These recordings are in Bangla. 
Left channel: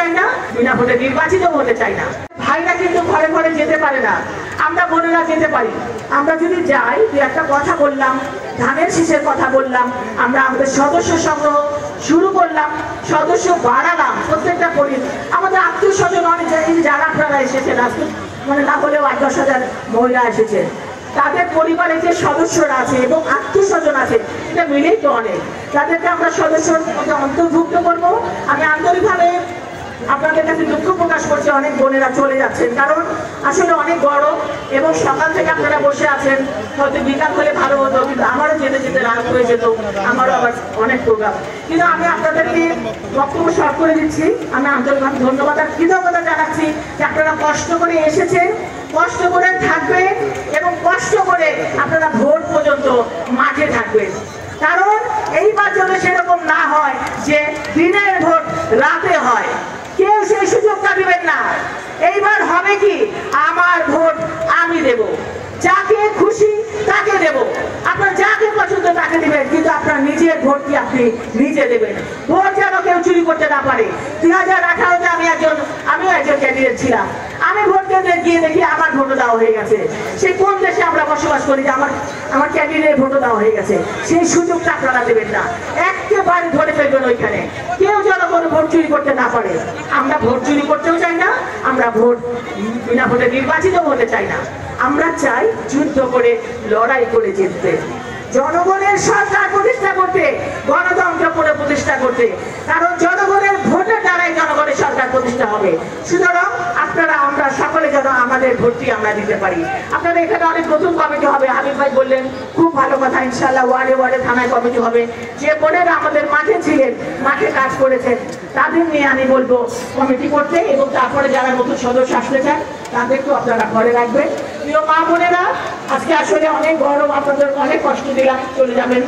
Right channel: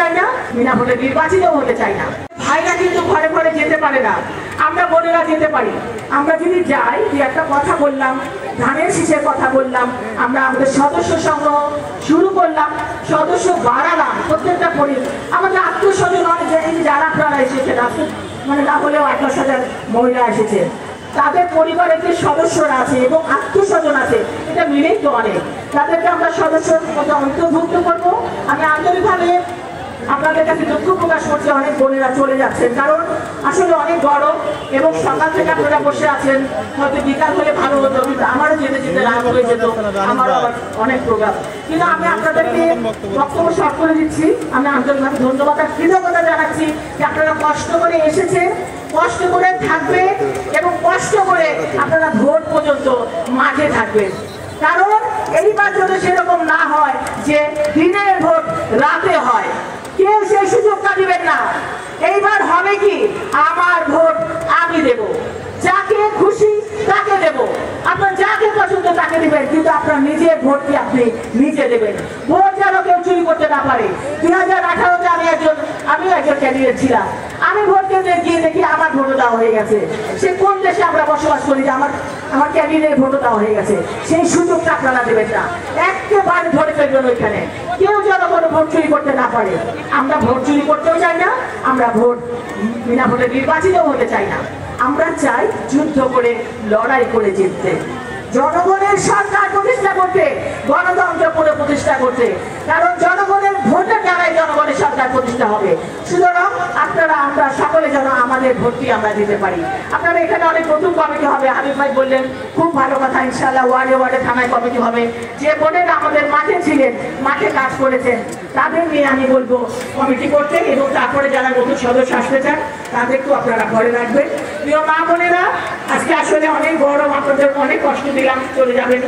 চাই না, বিনা ভোটে নির্বাচিত হতে চাই না। ভাইরা কিন্তু ঘরে ঘরে যেতে পারে না, আমরা বোনেরা যেতে পারি। আমরা যদি যাই, যে একটা কথা বললাম, ধানের শীষের কথা বললাম, আমরা আমাদের সদস্য সংগ্রহ শুরু করলাম, সদস্য বাড়ালাম, প্রত্যেকটা আমাদের আত্মীয় স্বজন অনেক, যারা আপনারা এসেছেন, মানে না হলেও 10,000 মহিলা এসেছে, তাদের পরিবারে যে সদস্যরা আছে এবং আত্মীয় স্বজন আছে, এটা মিলেই তো অনেক। তাদেরকে আমরা সদস্যর মধ্যে অন্তর্ভুক্ত করবো। আমি আন্তরিকভাবে আপনাদের কাছে দুঃখ প্রকাশ করছি, অনেক বোনেরা চলে যাচ্ছেন, কারণ আসলে অনেক বড় এবং সকাল থেকে আপনারা বসে আছেন, হয়তো বিকাল হলে ভালো হতো, কিন্তু আমারও যেতে যেতে রাত হয়ে যেত, আমারও আবার অনেক প্রোগ্রাম। কিন্তু আমি আপনাদেরকে বক্তব্য শর্ট করে দিচ্ছি। আমি আন্তরিকভাবে ধন্যবাদ আর কৃতজ্ঞতা জানাচ্ছি যে আপনারা কষ্ট করে এসেছেন, কষ্ট করে থাকবেন এবং কষ্ট করে আপনারা ভোট পর্যন্ত মাঠে থাকবেন। কারণ এইবার যদি সেরকম না হয় যে দিনের ভোট রাতে হয়, কেউ সেই সুযোগটা দিবেন না। এইবার হবে কি, আমার ভোট আমি দেব, যাকে খুশি তাকে দেব, আপনার যাকে পছন্দ তাকে দিবেন, কিন্তু আপনার নিজের ভোটটি আপনি নিজে দেবেন। ভোট যেন কেউ চুরি করতে না পারে। 2018-তে আমিও একজন ক্যান্ডিডেট ছিলাম। আমি ভোট কেন্দ্রে গিয়ে দেখি আমার ভোটও দেওয়া হয়ে গেছে। সে কোন দেশে আমরা বসবাস করি যে আমার ক্যান্ডিডেট ভোটও দেওয়া হয়ে গেছে? সেই সুযোগটা আপনারা দেবেন না, একেবারে ধরে ফেলবেন ওইখানে, কেউ যেন কোনো ভোট চুরি করতে না পারে। আমরা ভোট চুরি করতেও চাই না, আমরা ভোট বিনা ভোটে নির্বাচিত হতে চাই না। আমরা চাই যুদ্ধ করে, লড়াই করে জিততে, জনগণের সরকার প্রতিষ্ঠা করতে, গণতন্ত্র করে প্রতিষ্ঠা করতে। কারণ জনগণের ভোটের দ্বারাই জনগণের সরকার প্রতিষ্ঠা হবে। সুতরাং আপনারা, আমরা সকলে যেন আমাদের ভোটটি আমরা দিতে পারি। আপনারা এখানে অনেক নতুন কমিটি হবে, হাবিব ভাই বললেন, খুব ভালো কথা। ইনশাআল্লাহ ওয়ার্ডে ওয়ার্ডে থানায় কমিটি হবে। যে বোনেরা আমাদের মাঠে ছিলেন, মাঠে কাজ করেছেন, তাদের নিয়ে আমি বলবো কমিটি করতে, এবং তারপরে যারা নতুন সদস্য আসতে চান তাদেরকেও আপনারা পরে রাখবেন। প্রিয় মা বোনেরা, আজকে আসলে অনেক গরম, আপনাদের অনেক কষ্ট দিলাম, চলে যাবেন।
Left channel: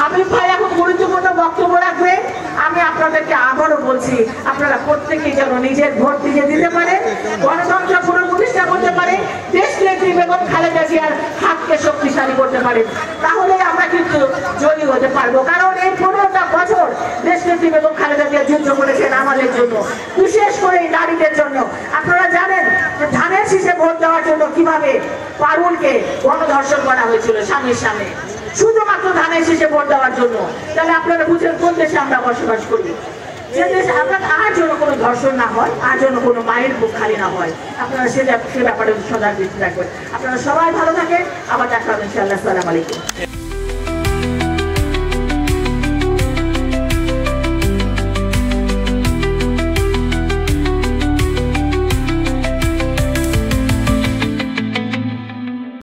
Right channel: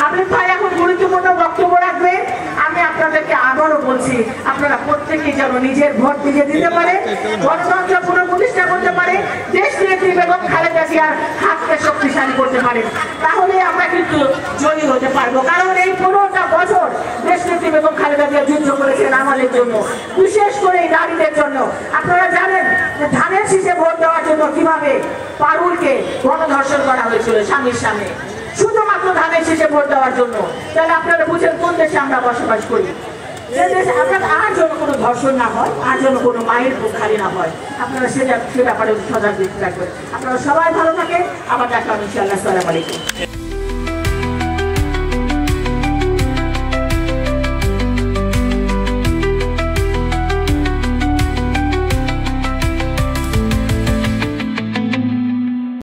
হাবিব ভাই এখন গুরুত্বপূর্ণ বক্তব্য রাখবে। আমি আপনাদেরকে আবারও বলছি, আপনারা প্রত্যেকেই যেন নিজের ভোট নিজে দিতে পারে, গণতন্ত্র পুনঃপ্রতিষ্ঠা করতে পারে, দেশ নেত্রী বেগম খালেদা জিয়ার হাতকে শক্তিশালী করতে পারে। তাহলে আমরা কিন্তু জয়ী হতে পারবো। কারণ এই 15টা বছর দেশ নেত্রী বেগম খালেদা জিয়া যুদ্ধ করেছেন আমাদের জন্য, বিশেষ করে এই নারীদের জন্য। আপনারা জানেন যে ধানের শীষে ভোট দেওয়ার জন্য কিভাবে পারুলকে গণধর্ষণ করা হয়েছিল স্বামীর সামনে, শুধুমাত্র ধানের শীষে ভোট দেওয়ার জন্য। তাহলে আপনারা বুঝেন কোন দেশে আমরা বসবাস করি। যে দেশে আপনার আর যেন কোনো ধর্ষণ না হয়, আর যেন কোনো মায়ের বুক খালি না হয়, আপনারা সে ব্যাপারে সজাগ দৃষ্টি রাখবেন। আপনারা সবাই ভালো থাকেন, আবার দেখা হবে ইনশাআল্লাহ। আসসালামু আলাইকুম।